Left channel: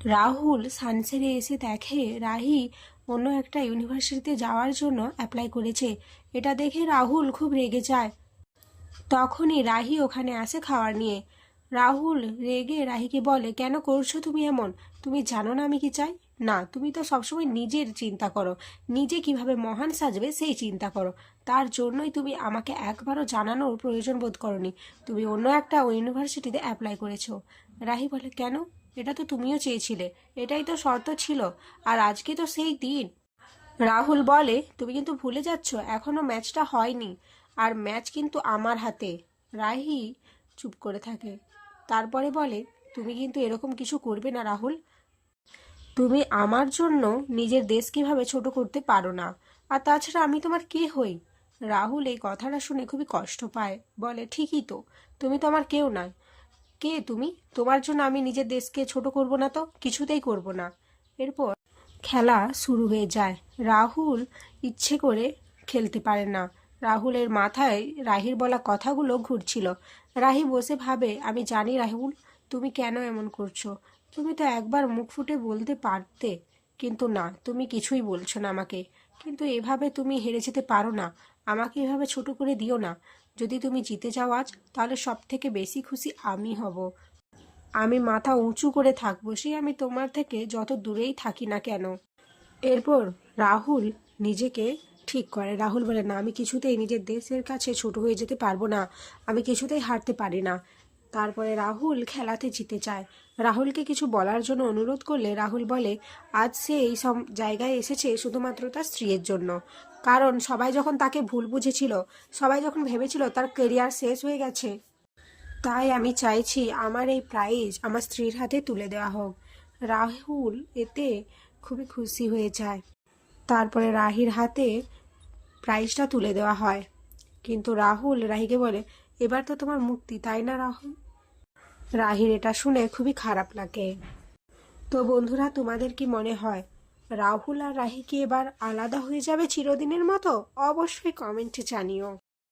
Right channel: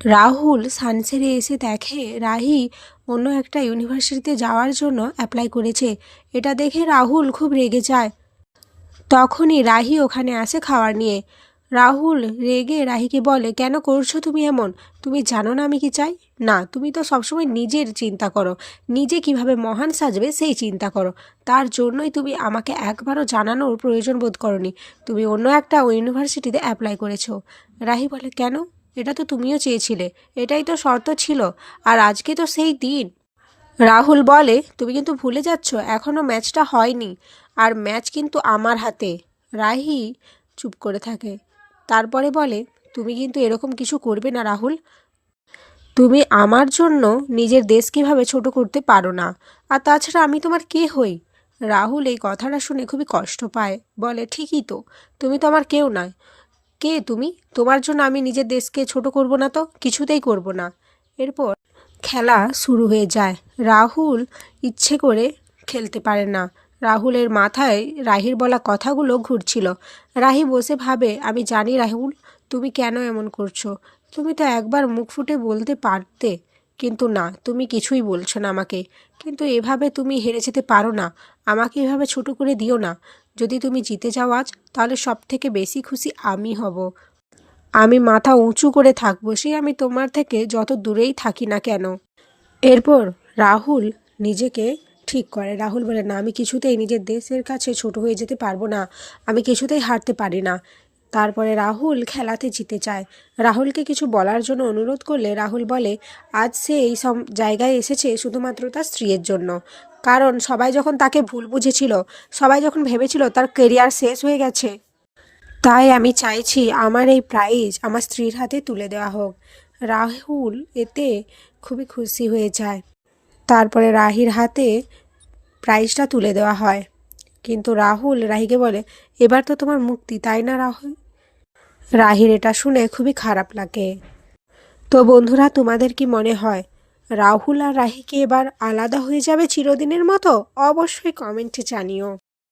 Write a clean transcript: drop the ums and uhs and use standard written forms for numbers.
রাহুল সানসেরে এসে দেখে রাহি অন্য একটা ইউনিভার্সিটিতে যাওয়ার জন্য অ্যাপ্লাই করেছে। এটা দেখে রাহুল খুব রেগে যায়। তখনই রাহি ওখানে আসে খাবার নিয়ে। রাহুল রেগে রাহিকে বলে, কেন করছো তুমি এমন? তুমি জানো না আমি কি চাই? না, তুমি তো সবসময় নিজের চিন্তা করো, নিজে কিভাবে মহান সাজবে সেই চিন্তা করো। তার জন্যই তুমি আমাকে একবারও জানানোর প্রয়োজন বোধ করনি। তুমি অন্য একটা ইউনিভার্সিটিতে অ্যাপ্লাই করেছো। রাহি বলে, কেন? এটা তো তুমিও চেয়েছিলে, এটাই তো শর্ত ছিল, আর আজকে তো সেই দিন। রাহুল বলে, তুমি কিন্তু ভুলে যাচ্ছ, এখনও ম্যাচটা হয়নি, আর ম্যাচ কিন্তু আমার হাতে। রাহি চুপ করে থাকে। তারপরে বলে, তুমি কিন্তু এরকম কিছু করবে না রাহুল। তুমি আমার জন্য নিজের দেশ কীভাবে ছোট করতে পারো না, আর তাছাড়া আমি তোমার কে হই? রাহুল এই কথাটা শুনে খুবই কষ্ট পায়। বলে, ঠিকই তো, তুমি তো আমার কেউ নয়। কে তুমি? তোমার জন্য আমি নিজের দেশকে ছোট করব না, তো কিছুতেই করব না। এরপর খেলা শুরু হয়ে যায়। রাহুল ইচ্ছে করে খেলতে পারে না। রাহুলের মাথায় রাহির বলা কথাগুলো ঘুরছিল। রাহি বসে ভাবে, আমি জানি রাহুল, তুমি কেন এমন করছো। তুমি তো একবার মুখ ফুটে বলতে পারতে, কিন্তু না, তুমি কিছুই বলছো না আমাকে। কিন্তু এভাবে তুমি হেরে যেতে পারো না, আমাকে এভাবে ছোট করে দিও না। যদি তুমি জিতে যাও আজ, তাহলে সব থেকে বেশি খুশি আমি হব। আমি মাথা উঁচু করে থাকবো, সে আমি তোমার থেকে যত দূরেই থাকি না কেন। এরপর রাহুল নিজেকে ঠিক করে। রাহুল বলে, না, আমি কিছুতেই নিজের দেশের কাছে ছোট হয়ে যেতে পারবো না, আমি কিছুতেই হারতে পারি না। তারপরে রাহুল খেলাতে জিতে চায়। রাহুলকে কিছু বলার জন্য অনুরোধ করলে রাহুল বলে, আজ সে এই সব জায়গায় এসেছে শুধুমাত্র তার স্ত্রীর জন্য। কারণ সবাই যখন তাকে ভুল বুঝেছিল, সবাই যখন ভেবেছিল তার কেরিয়ার শেষ হয়ে গেছে, তাই আমি চাইছি আমার এই প্রাইজ আমার স্ত্রীর হাতে তুলে দেওয়া হোক। রাহুল এতে খুবই খুশি হয়ে যায়। তারপরে রাহির হাতে প্রাইজটা তুলে দেওয়া হয়। কিন্তু রাহুল রাহিকে বলে, এবার তো তোমার মুক্তি, তাই না রাহুল? রাহির এটা শুনে খুবই খারাপ লাগে। তো বন্ধুরা, তোমাদের কি মনে হয় রাহুল আর রাহি কি এবার আলাদা হয়ে যাবে চিরদিনের মতো? অবশ্যই কমেন্টে জানিও।